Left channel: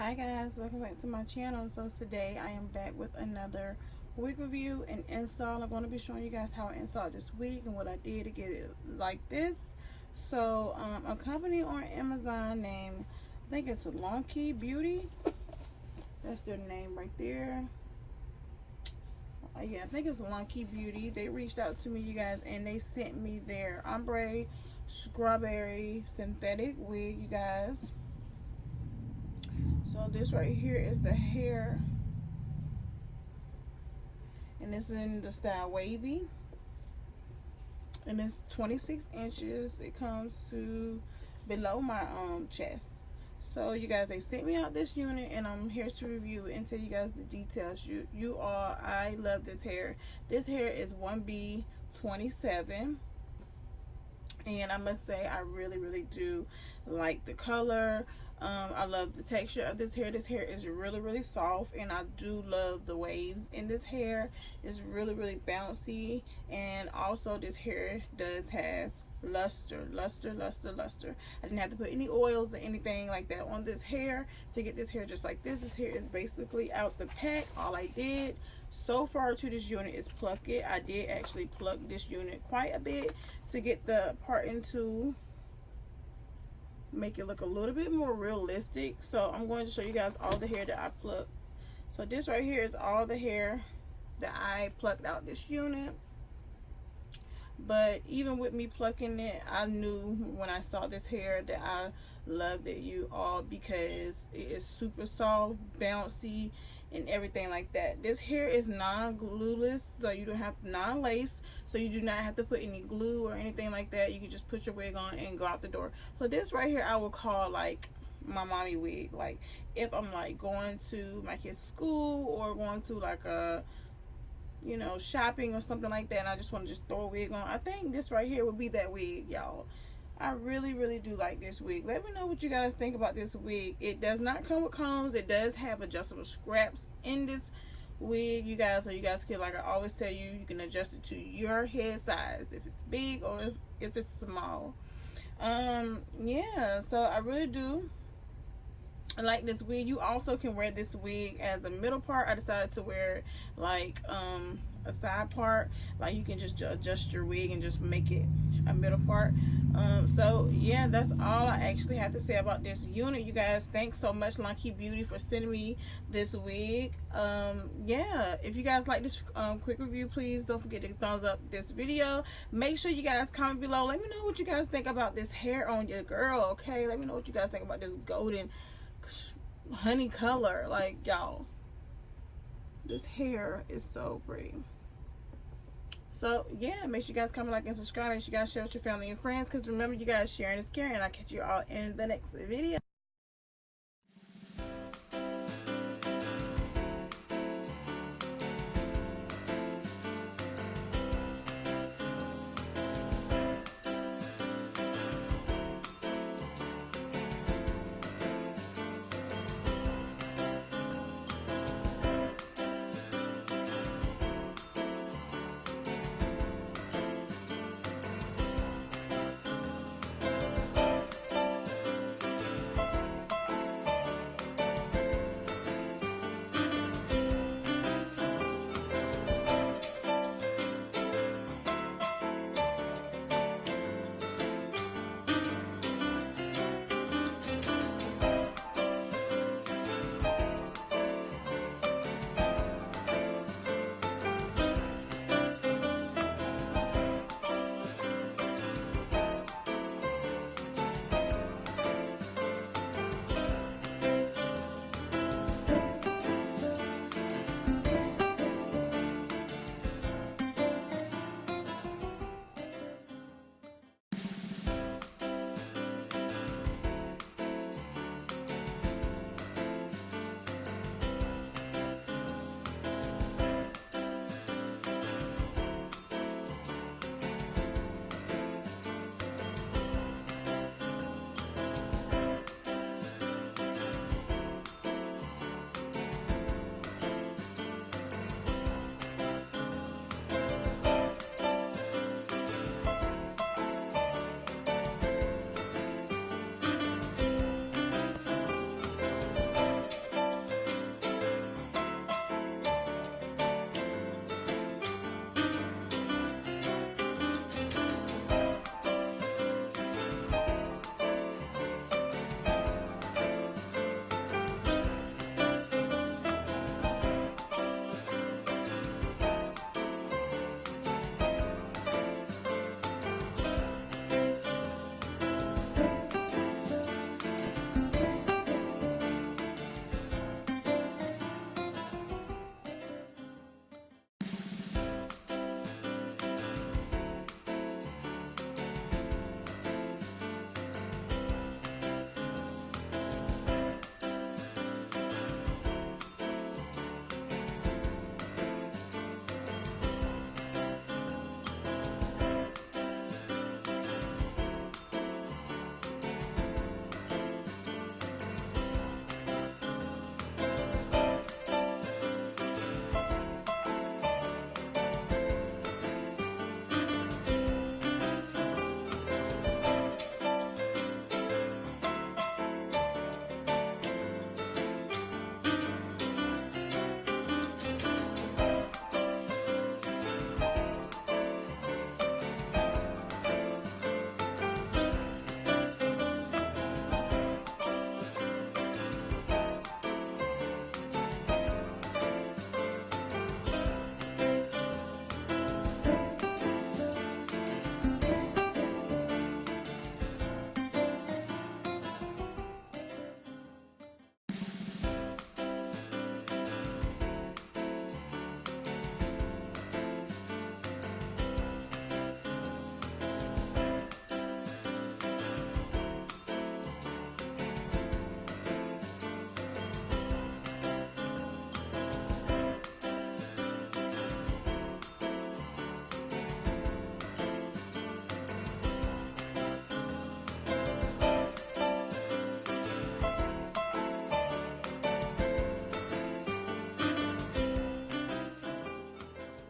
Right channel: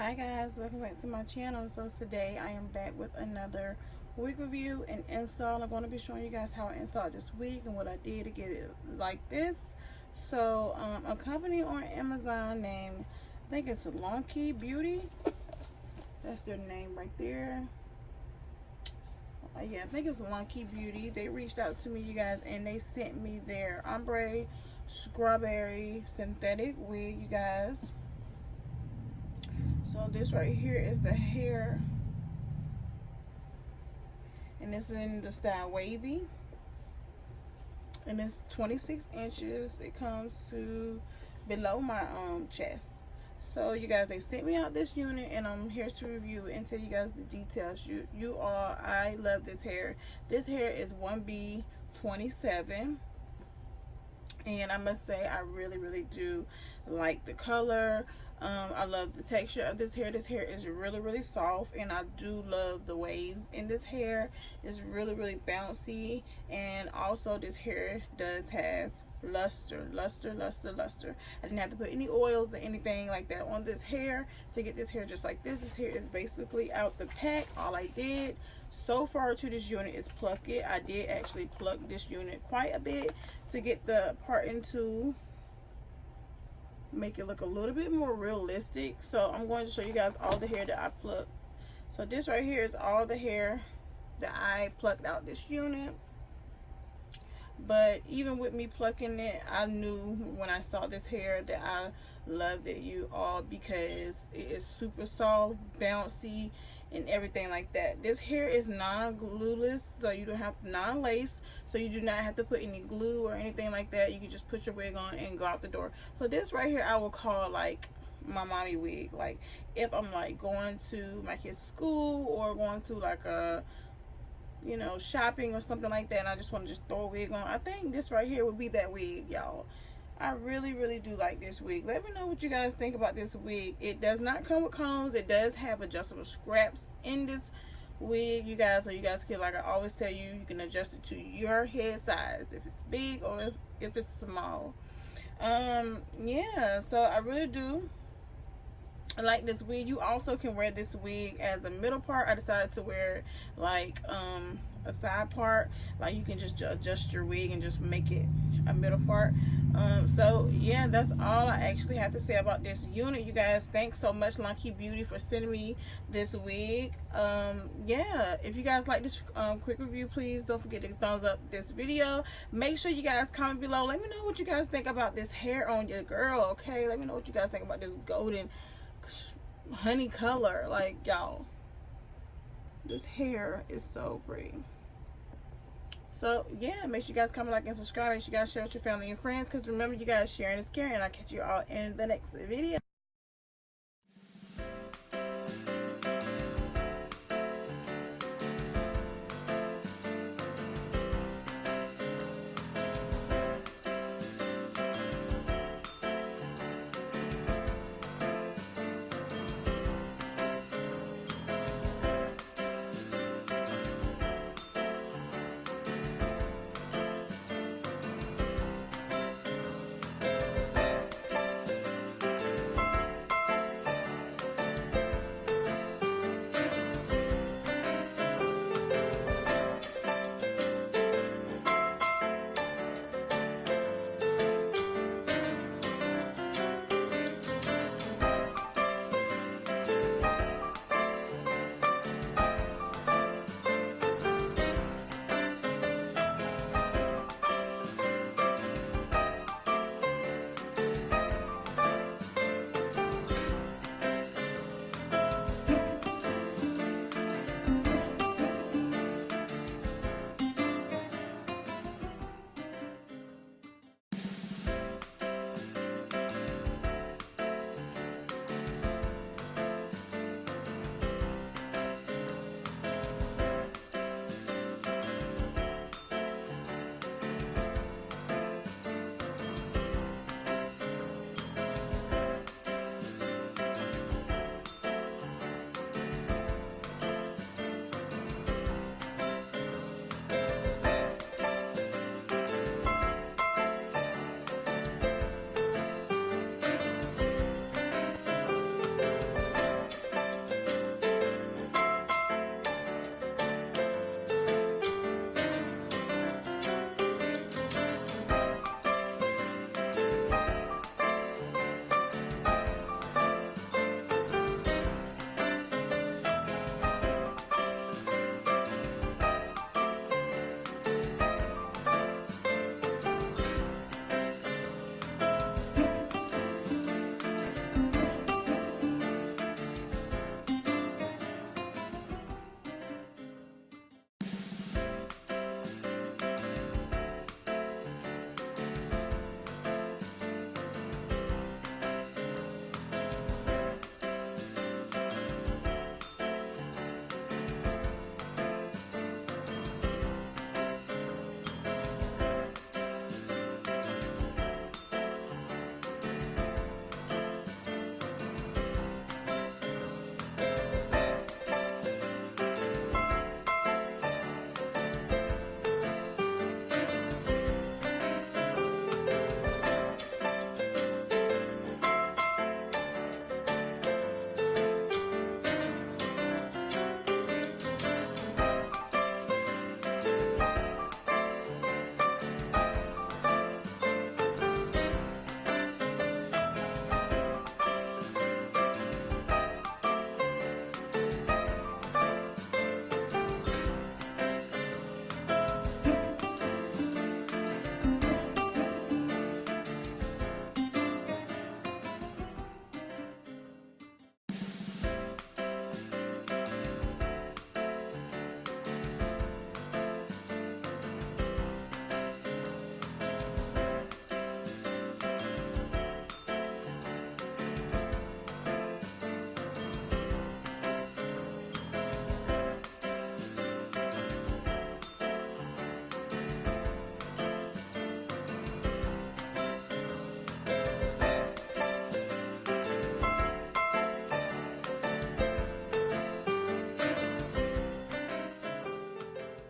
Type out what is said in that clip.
Hi guys, welcome back to my channel. So today I am back with another wig review and install. I'm going to be showing you guys how I installed this wig and what I did to get it like this. So a company on Amazon named, I think it's Longqi Beauty, that's their name right there. Yeah, I think it's Longqi Beauty. They reached out to me, you guys, and they sent me their Ombre strawberry synthetic wig, you guys. So this right here is the hair, and it's in the style wavy, and it's 26 inches. It comes to below my chest. So you guys, they sent me out this unit, and I'm here to review it and tell you guys the details. I love this hair. This hair is 1B27, and I must say I really do like the color. I love the texture of this hair. This hair is really soft, and I do love the waves in this hair. It's really bouncy, and also this hair has luster. I didn't have to put any oils or anything like that on this hair to get this hair just like this. This hair is basically out the pack. All I did so far to this unit is pluck it. I did actually pluck this unit quite a bit to get the parting to make it look a little bit more realistic. So I'm going to show you guys all the hair that I plucked. So this right here is all the hair that I plucked out this unit. But even with me plucking it, I knew when I saw this hair that I loved it, you all, because it is super soft, bouncy, and everything like that. This hair is non-glueless, so you don't have non-lace, so you do not have to put any glue or anything like that. You can just put your wig on and go out the door. So this right here I will call like my mommy wig. Like if I'm like going to my kids' school or going to like a, you know, shopping or something like that, and I just want to just throw a wig on, I think this right here would be that wig, y'all. I really do like this wig. Let me know what you guys think about this wig. It does not come with combs. It does have adjustable straps in this wig, you guys, so you guys can, like I always tell you, you can adjust it to your head size, if it's big or if it's small. Yeah, so I really do I like this wig. You also can wear this wig as a middle part. I decided to wear like a side part. Like you can just adjust your wig and just make it a middle part. So yeah, that's all I actually have to say about this unit, you guys. Thanks so much, Longqi Beauty, for sending me this wig. Yeah, if you guys like this quick review, please don't forget to thumbs up this video. Make sure you guys comment below. Let me know what you guys think about this hair on your girl, okay? Let me know what you guys think about this golden honey color. Like, y'all, this hair is so pretty. So yeah, make sure you guys comment, like, and subscribe. Make sure you guys share with your family and friends, because remember, you guys, sharing is caring. I'll catch you all in the next video.